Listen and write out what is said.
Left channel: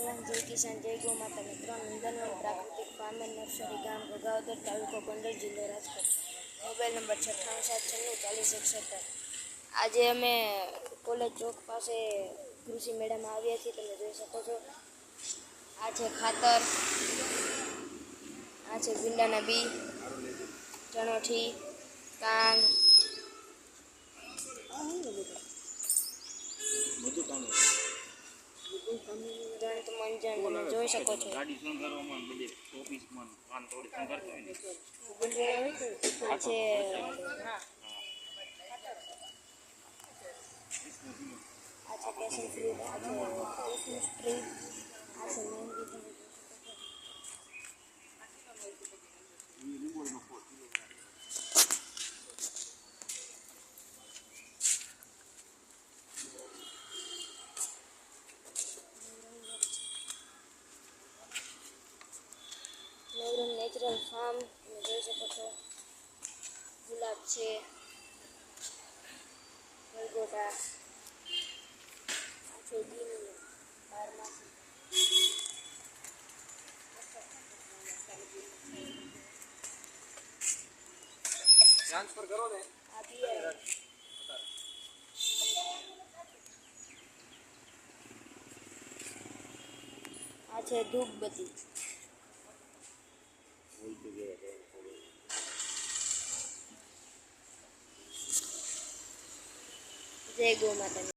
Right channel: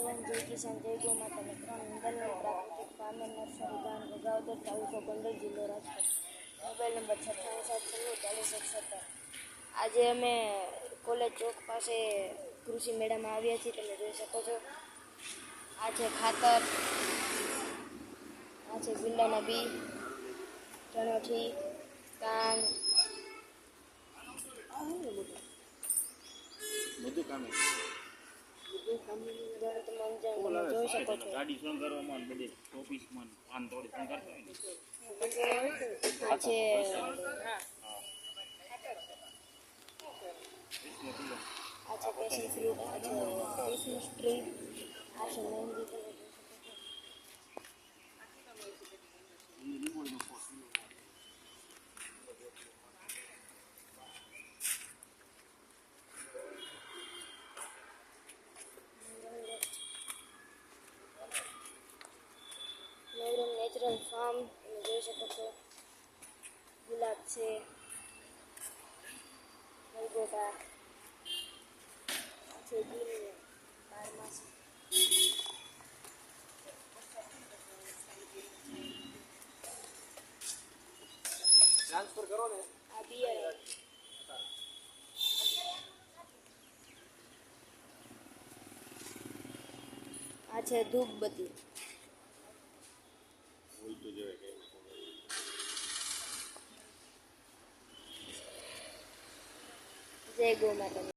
જવાન, જય કિસાન, જય ગૌ માતા. મિત્રો, નંદનવન પ્રાકૃતિક ફાર્મ એન્ડ નર્સરી, ગામ ઘોઘાવદર, તાલુકો ગોંડલ, જિલ્લો રાજકોટ. Mobile number 9876404170. આજે અમે કોલેજ ચોક પાસે કૃષિ મેળામાં આવ્યા છીએ. તમે જોઈ શકો છો, આ છે ખાતર, આ છે ભીંડાના બી, ચણોઠી, કાંગ, બધું કામ દંત મંજન તમે જોઈ શકો છો. ગાડી શણગારવામાં બધી ઓફિસમાં પાન તોડી શણગારતા હોય ને. આ છે પેશન ફ્રૂટ, આ છે ક્રિસમસ ટ્રી, આ છે મહેંદી. તમે જોઈ શકો છો. નવરંગ નેચરલ ફાર્મ તમે જોઈ શકો છો. ગુલાબ છે, ગલગોટા, આ છે ગીર બારમાસી. ટ્રાન્સફર કરો ને. આ બિયર, આ છે ધૂપબત્તી. જય ગૌ માતા.